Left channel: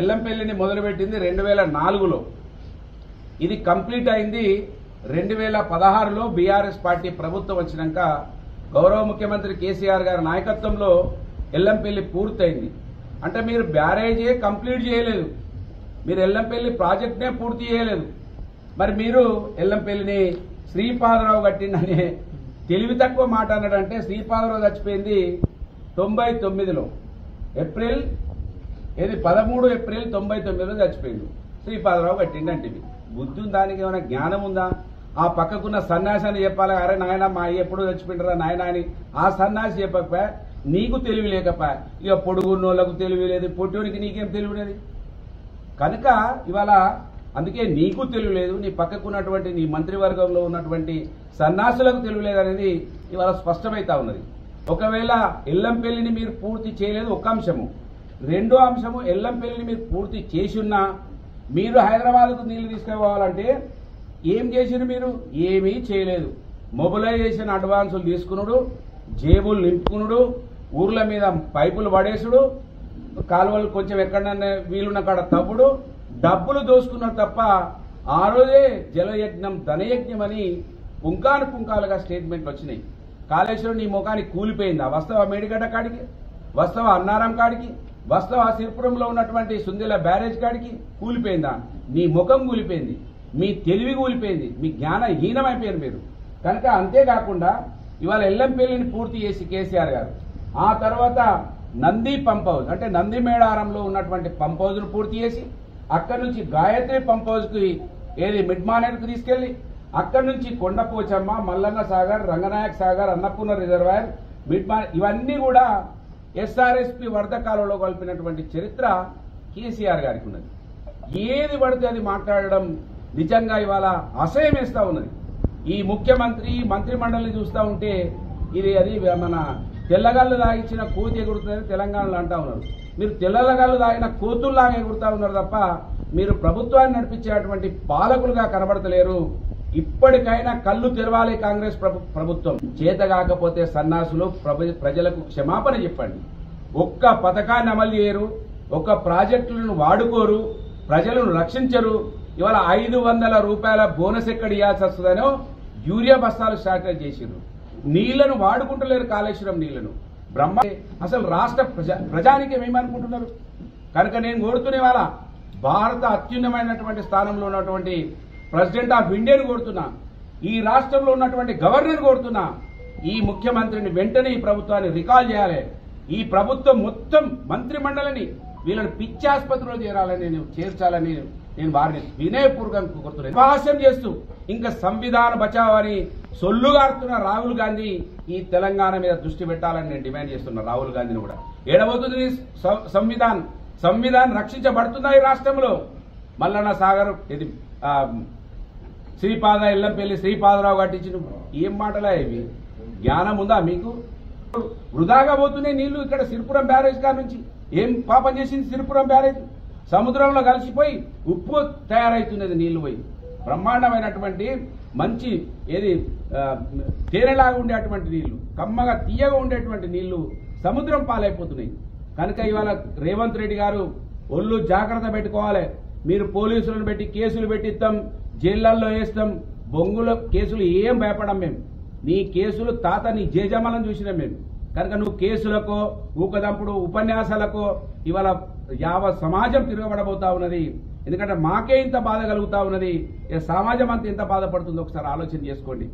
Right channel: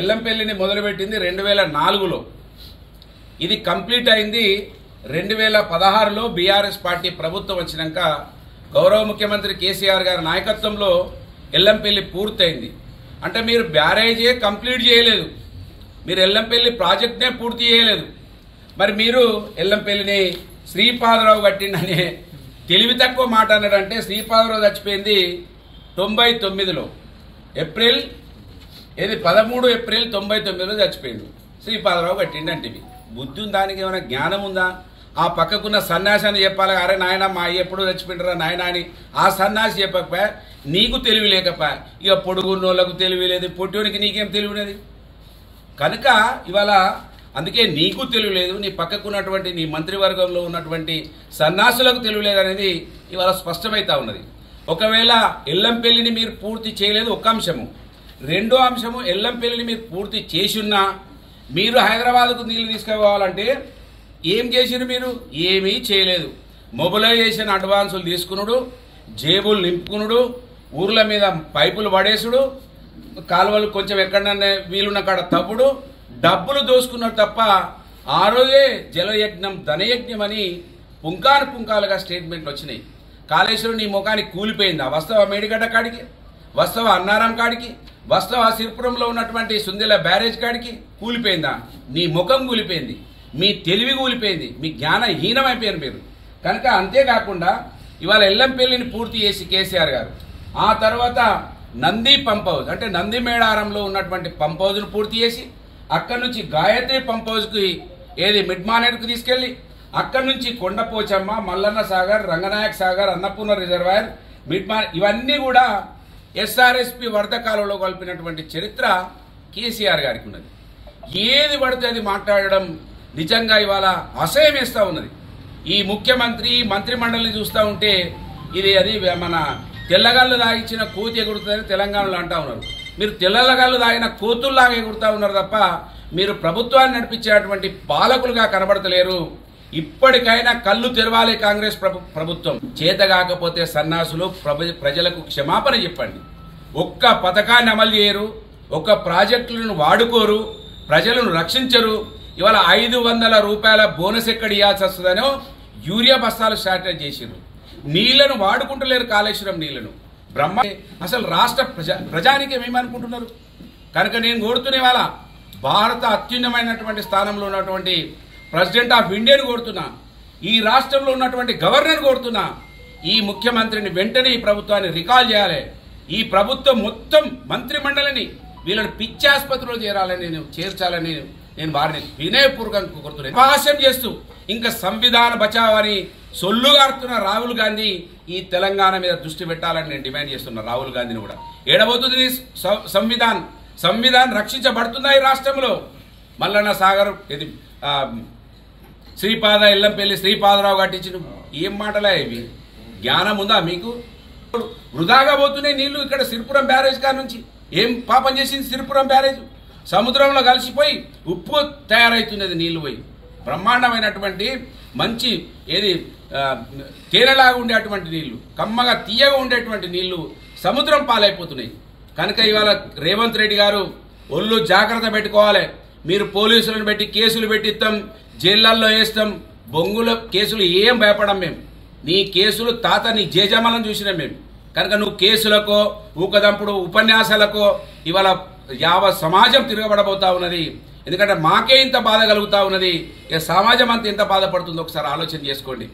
ఎల్లంపల్లిని మొదలుపెట్టింది 2004లో. ఇది కంప్లీట్ అయింది 2016లో. బీఆర్ఎస్ పార్టీ ప్రభుత్వం వచ్చినాక గౌరవ ముఖ్యమంత్రి కేసీఆర్ గారి నాయకత్వంలో ఎల్లంపల్లి పూర్తయింది. అంటే మీరు బ్యారేజే కంప్లీట్ చేయలేదు, మీరు ఎల్లంపల్లి ప్రాజెక్ట్నే పూర్తి చేయలేదు. మరి మీరు ఎల్లంపల్లిని శ్రీపాదరావు కట్టిండనే తెలివి తక్కువ మాట అన్నాడంటే, శ్రీపాదరావు చచ్చిపోయింది 99లో, ఏప్రిల్ 13 ఏప్రిల్ 99లో చచ్చిపోయింది. శ్రీపాదరావు కట్టిండంటే బుద్ధి ఉందా, దానికి ఏమైనా జ్ఞానం ఉందా? ఆ పక్కకున్న సన్యాసాన్ని చెప్పాలి, అరే నాయన మా అయ్య ఎప్పుడు చచ్చిపోయినరా నాయన అని ఆ సన్యాసి చెప్పకపోయా, నీకు తెలివి లేకపోయా. ఇక పొడుగున్నోళ్ళకు తెలివి లేదు, పొట్టోనికి నీకేం తెలివినది? కనుక ఇవాళ అందుకే నీకు తెలివి లేదు, నీ పక్కకున్నటువంటి నీ మంత్రివర్గంలో ఉన్నటువంటి సన్యాసులకు తెలివి లేదు అనేది ఇవాళ స్పష్టమవుతా ఉన్నది. ఒకవేళ ఎల్లంపల్లిని మీరు పూర్తి చేయలేదు ఒక అంశము. రెండో అంశము, ఎల్లంపల్లిని మీరు పూర్తి చేసున్నా మీరు హైదరాబాద్కు నీళ్లు తీసుకుపోవాలంటే ఏం చేసిరు? మీరు ఏమీ చేయలేదు. మొబిలైజేషన్ అడ్వాన్సులు తీసుకునుడు, జేబులు నింపుకునుడు, ఊర్ల మీద పైపులు పడేసుడు, కాలువలు కొంచెం ఎక్కడన్నా వీలున్న కాడ తవ్వుడు, డబ్బులు దోసుకున్నారు తప్ప ఆ రోజే జలయజ్ఞం ధనయజ్ఞం అని పుంకాను పుంకాలుగా స్టేట్మెంట్లు వచ్చినాయి. కాళేశ్వరం నీ ముఖానికి కూలిపోయిందా? వస్తావా మేడిగడ్డ కాడికి? వస్తావా అన్నారం కాడికి? వస్తావా సిరిపురంలో ఉన్నటువంటి సుందెల బ్యారేజ్ కాడికి? కూలిపోయిందా? నీ ముఖం కూలిపోయింది, మీ తెలివి కూలిపోయింది, మీ జ్ఞానహీనమైపోయారు మీరు. కనుక అంతేకాకుండా ఇవాళ ఎల్లంపల్లిని పూర్తి చేసి కేసీఆర్ గారు ఆ తర్వాత నంది పంప్ హౌస్ అంటే నంది మేడారంలో ఉన్నటువంటి పంప్ హౌస్ను పూర్తి చేసి అక్కడి నుంచి గాయత్రి పంప్ హౌస్కి మిడ్ మానేర్కు తీసుకెళ్ళి అక్కడి నుంచి కొండపోచమ్మ, మల్లన్న సాగర్, రంగనాయక సాగర్, అన్నపూర్ణ రిజర్వాయర్, ఇవన్నీ కూడా ఎస్ఆర్ఎస్పి వరద కాలంలో కలిపినటువంటి చరిత్ర కేసీఆర్ గారికి ఉన్నది. ఏది పడితే అది మాట్లాడడం నిజంగా ఇవాళ అసహ్యం వేస్తూ ఉన్నది. ఈ ముఖ్యమంత్రి మంత్రిమండలిని చూస్తూ ఉంటే అది మన తెల్లగాళ్ళు దాగించిన కోతి ఎగురుతుందని తెలంగాణలో అంటూ ఉన్నారు. మీరు తెల్లగాళ్ళు దాగిన కోతుల్లాగా ఎగురుతూ ఉన్నారు తప్ప మీరు ప్రభుత్వాన్ని నడిపించేటువంటి పాలకులుగా కనబడతలేరు. ఇప్పటికైనా కళ్ళు తెరవాలి కాంగ్రెస్ ప్రభుత్వం. చేతగాకపోతే సన్నాసులు ప్రజలకు క్షమాపణ చెప్పండి. ఒక్క పథకాన్ని అమలు చేయరు, ఒక్క ప్రాజెక్టులను వాడుకోరు, ప్రజలను రక్షించరు. ఇవాళ 500 రూపాయల బోనస్ ఎక్కడ ఇవ్వాల్సి వస్తుందనో యూరియా బస్తాలు స్టార్ట్ చేసిర్రు. నీళ్లను వాడుకుంటలేరు, కాళేశ్వరం నీళ్లను. అసలు రాష్ట్ర ప్రజానికి ఏమనుకుంటున్నారు? కనుక నేను కోరుతునే వాళ్ళ భారత అత్యున్నతమైనటువంటి స్థానంలో ఉన్నటువంటి ప్రెసిడెంట్ ఆఫ్ ఇండియాను కోరుతున్నా, ఈ రాష్ట్రంలో ఉన్నటువంటి గవర్నర్ కోరుతున్నా, ఈ ముఖ్యమంత్రిని వెంటనే ఈ ప్రభుత్వాన్ని రికాల్ చేయాలి. ఈ ప్రభుత్వం మొత్తం మంత్రిమండలిని వీళ్ళని పిచ్చాసుపత్రిలో చేర్చాలని నేను వారిని వినయపూర్వకంగా కోరుతున్నాను. భాష్యం చేస్తూ ఇంకా సంవిధాన బచావ్ అని సొల్లుగారుతున్న రాహుల్ గాంధీ ఈ తెలంగాణ మీద దృష్టి పెట్టాలని నేను డిమాండ్ చేస్తున్నా. రాహుల్ గాంధీని కూడా ఏడబోతుంది సంవిధానం రక్షించబడుతుందా ఈ రాష్ట్రంలో? మల్లన్న సాగర్ ఎల్లంపల్లి శ్రీపాదరావు కట్టించిన ఏం మాటలే ఇవి? జ్ఞానం ఉందా మీకు? వృధాగా పోతున్నాయి నీళ్లు. ఇక్కడ సిరిపురం బ్యారేజ్ కాడ నుంచి ఏం పాపం చేసింది సిరిపురం బ్యారేజ్? సముద్రంలో కలిసిపోయి ఉప్పు తయారవుతున్నది నీళ్లు పోయి. బ్రహ్మాండమైనటువంటి మంచి తేనెలాగా ఉండేటువంటి నీళ్లు, కమ్మగా తీయగా ఉండేటువంటి నీళ్లు సముద్రం పాలైపోతున్నాయి. కనుక ఇవాళ రేవంత్ రెడ్డి గారు ఒళ్ళు జాగ్రత్త పెట్టుకోవాలి. మీరు పోలీసులను పెట్టి కేసులు పెట్టిస్తాం, జైళ్ళల్లో వేస్తాం, బొంగుల కేసులు ఏం భయపడం మేము. నీ కేసులు నీ జేజమాలను చూసినాం మేము. కనుక నువ్వు కేసులకో ఊకదంపుడు ఉపన్యాసాలకో ఇవాళ యావత్ సమాజం తిరగబడబోతా ఉన్నది. ఎందుకంటే మాకే ఇంత బాధ కలుగుతా ఉన్నది, సమాజం అంతా ఎంత బాధపడుతుందో ఒకసారి ఆలోచన చేసుకోండి.